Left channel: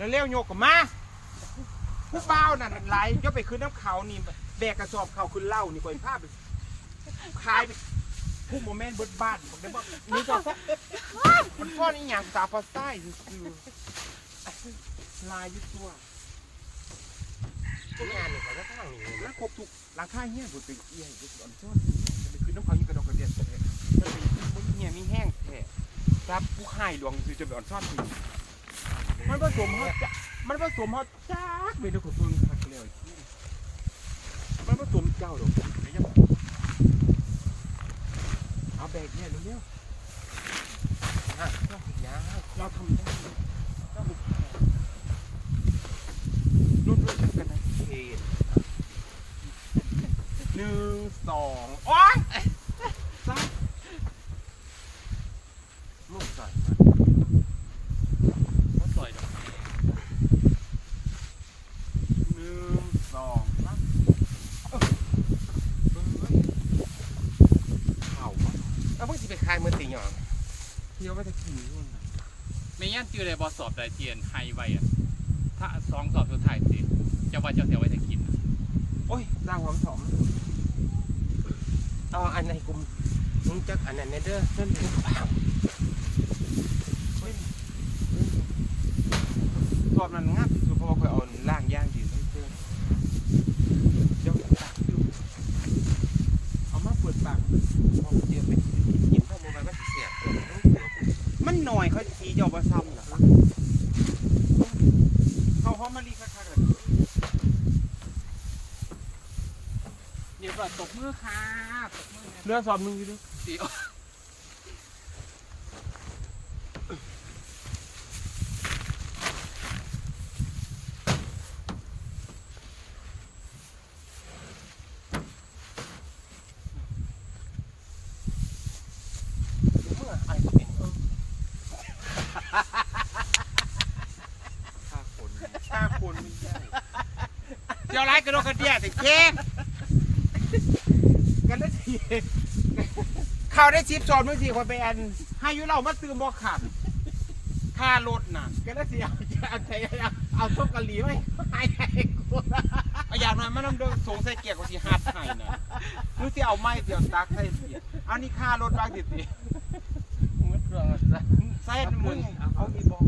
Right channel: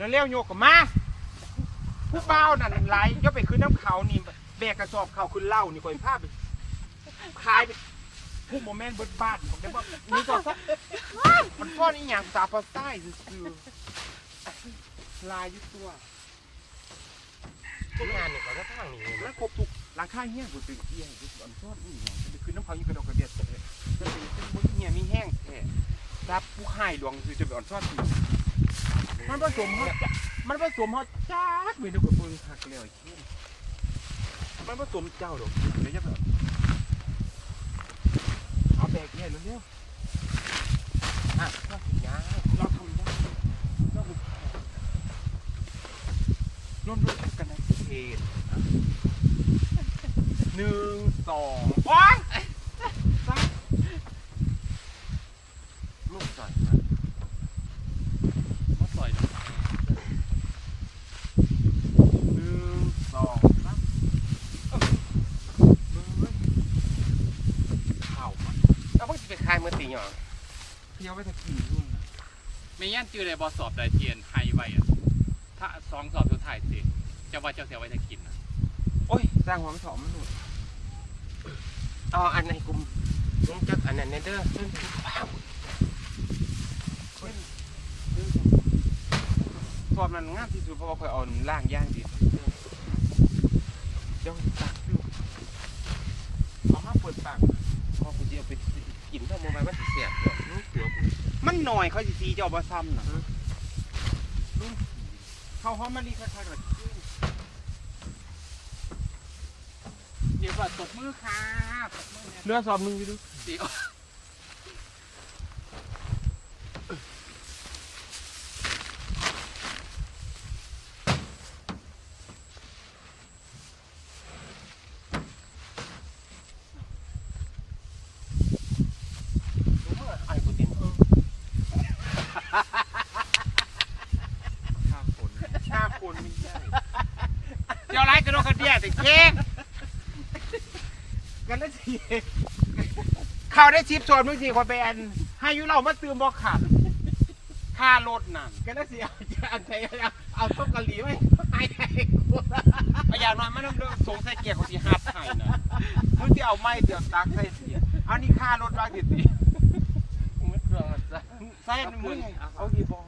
แล้วเลี้ยวโยกกับมาผู้เป้านั่นไหลก็ไปขึ้นน้ำเขานี่แบกกระสอบเขาขึ้นเหล่านี่ก่อยภาพไปขายไปผู้โมเมนต์เบิดบ้านบอกได้บอกนี่ก็สักมันฟ้อนอีหยังสาปาใต้คือลายอยุ่ตัวงานนี่เขาก็ทางนี้แล้วครบทุกราคาเฮี้ยบุตรเอี้ยบุตรอ่อนซ้อนนี่จะไปขึ้นน้ำเขายิ่งกระดอกกระเดียดเลยจะไปขึ้นบุตรเฮี้ยมีแห้งแท้รับผู้ให้หลวงคือจะไปอ่อนซ้อนนี่ มันผสมเขาจะมันผสมเขาจักไปดูกับมึงหักเลี้ยวขี้มันผสมเจ้าดอกเดี๋ยวจะแบบเอาแบกเนี่ยเร็วๆอะก็เห็นยาเราทำได้เราบุกร่วมๆกันในเขตหนึ่งสองโอ๊ยซ้ายลูกใส่มาเขาใส่ดอกหนึ่งสองสามเอ้าเบิ้งเข่ามา แล้ว พวกที่ไปคายมือตีหยองเที่ยวไปจะกินด้วยนะไม่งั้นจือในบอสอบได้เทียนไฮไว้อะถ้าสองสอบสุดท้ายสิจะว่าจะเสียไว้จะกินโอ้ยสร้างความสอมมันถูกเอาอันไหนกุมมึงจักอันนั้นเด้อเส้นถูกอ้าวเฮ้ยเฮ้ยตอนนั้นงามที่สุดเพราะว่าคอยเอาล่างย่างดีเดี๋ยวตักฟิวเอามาเปิดปากพอเดียว มันหน่อยเขาสิสีเจ้าบ่ซ้ำนะเขาหอมมะลิคักๆเลยเดี๋ยวก่อนตบมือค่ะตบมือเรือสอบหนึงอยู่ดู เดี๋ยว ดูเมื่อไอ้กูตินเออ ชาคนชาคนไม่ใช่เจ้าไรกระโดดกระเดียสิเจ๊กันได้สิเขาได้ชิปสอนมึงสิคนไปอันให้อยุเรามาตื่มบอกขับค่ารถน่ะกันได้สิเอาเอาใจเอาเอาต้มกะหรี่ไว้ให้ให้กูเอาอย่างน้อยไม่ต้องเดินสงใส่เกียร์ของที่ฮับให้นะมึงที่เอาไม้เดือดตักใส่เสียเอานี่ค่ารถไว้สิสิกูไม่เครื่องอะจ้ะ ใส่มึงเอากี่บอง